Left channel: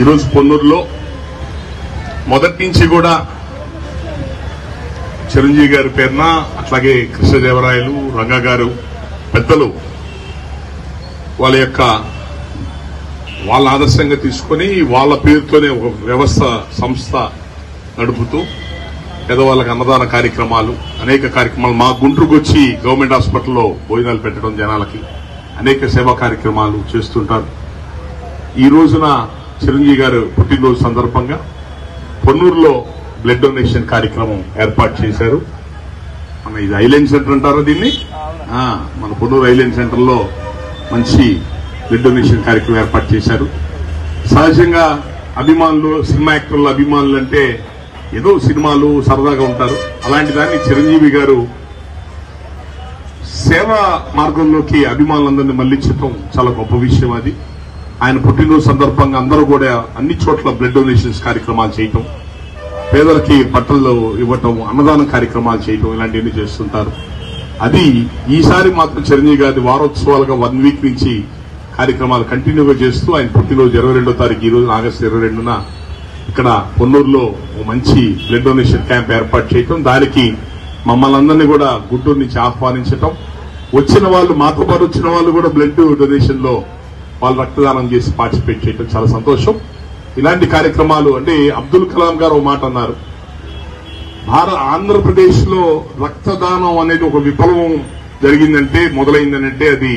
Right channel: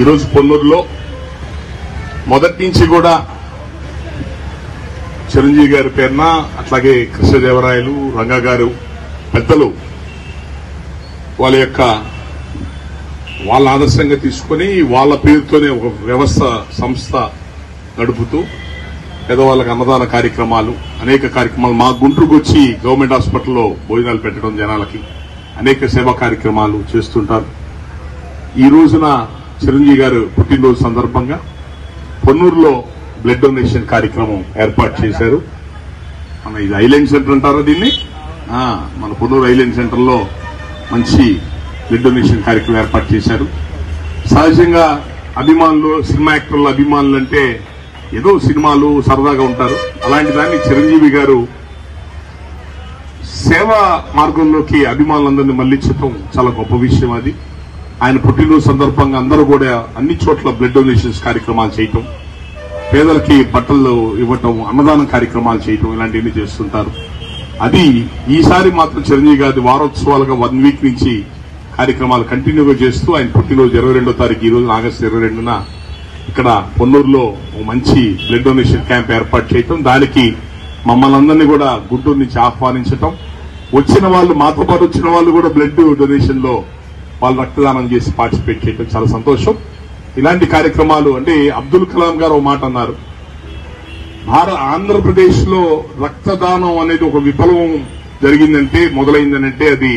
ఈరోజు పొన్నూరులో మొదటి నుంచి కూడా చిరంజీవి గారి పేరున అట్లాగే కృష్ణదేవరాయలు రంగా గారు పెద్దలు వాళ్ళ ఆదర్శంగా తీసుకుని వాళ్ళ పేరుతోనే ఒక వ్యవస్థ సంస్థ నడుపుతూ పేదవాళ్ళకి అన్నదాన కార్యక్రమాలు అనేక కార్యక్రమాలు మా గుంటూరుకు వచ్చి గవర్నమెంట్ హాస్పిటల్లో భోజనాలు పెట్టడం జనాలకి అనేక సేవా కార్యక్రమాలు చేస్తుంటారు. ఈ రోజున చిరంజీవి గారు పుట్టినరోజు సందర్భంగా పొన్నూరులో బ్లడ్ డొనేషన్ కార్యక్రమం ఏర్పాటు చేశారు. మన ఇది ఐలాండ్ సెంటర్ అంటారా దీన్ని? మన పొన్నూరు ఐలాండ్ సెంటర్ లో మంచి బ్లడ్ డొనేషన్ కార్యక్రమం ఏర్పాటు చేశారు. సహజంగా అభిమానులు, సినిమా యాక్టర్ల అభిమానులు అంటే ఏదో సినిమాలు సరదాగా ఉంటారు. అలాంటి దాన్ని చిరంజీవి గారు సేవా మార్గంలోకి అభిమానులందరినీ మళ్లించడం చాలా గొప్ప విషయం. అది ఆయన పుట్టినరోజు సందర్భంగా అందరూ కూడా అన్ని చోట్ల బ్లడ్ డొనేషన్స్ కార్యక్రమాలు చేయటం, పేదలకి బట్టలు ఇవ్వటం, అన్నదాన కార్యక్రమాలు చేయటం ఇలాంటివన్నీ చేస్తుంటారు. అది ఈసారి మాత్రం చిరంజీవి గారి వారోత్సవాలుగా 1 వీక్ నుంచి కార్యక్రమాలు కంటిన్యూగా చేస్తూ ఆయన పుట్టినరోజు 22వ తారీఖు ఈ రోజు ఆగస్టు 22న ఇక్కడ పొన్నూరులో మంచి బ్లడ్ డొనేషన్ క్యాంప్ ఏర్పాటు చేయటం, దానికి మమ్మల్ని అందరినీ కూడా గుంటూరు నుంచి ఆహ్వానించటం, వచ్చిన వాళ్ళు మాతో పాటు వచ్చిన వాళ్ళు కూడా బ్లడ్ డొనేషన్ లో వాళ్ళు రక్తదానం చేసి పార్టిసిపేట్ చేయడం చాలా సంతోషం. ఇలాంటి కార్యక్రమాలు అంటే అబ్దుల్ కలాం గారు ఒక మాట అన్నారు, ఆంధ్రప్రదేశ్ లో రక్తదానం అనేది ఒక విప్లవం జరిగిందంటే మొదలైందనంటే అది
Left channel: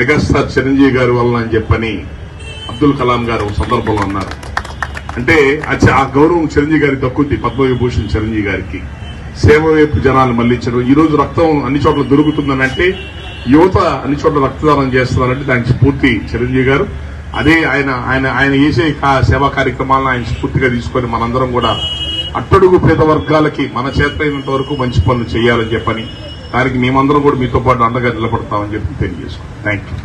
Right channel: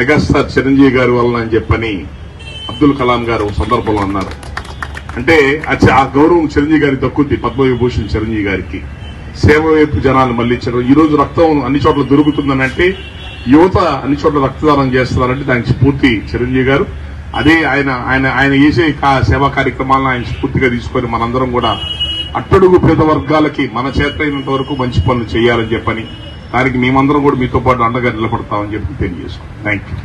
మెగాస్టార్ చిరంజీవి గారి వలన అని చెప్పని అబ్దుల్ కలాం గారు సందర్భంలో అన్నారు. అంటే ఆ గౌరవం చిరంజీవి గారికి దక్కుద్ది. పద్మవిభూషణ్ చిరంజీవి గారికి సేవ వైపు జనాలు మళ్లించడం. ఈ రోజు రక్తం అన్ని చోట్ల దొరుకుతుందనంటే, యువత అన్ని చోట్ల రక్తదానం చేస్తున్నారంటే దానికి స్ఫూర్తి చిరంజీవి గారు. అదే ఆయన చేసే సేవా కార్యక్రమాలను ఆయన స్ఫూర్తిగా తీసుకుని మనందరం కూడా అట్టడుగు పేద వర్గాలకి మన చేతైనంత వరకు మంచి పనులు చేయాలని చెప్పని, దానికి మేమందరం కూడా మీతో పాటు అండగా నిలబడతామని చెప్పి తెలియజేస్తాం. Thank you.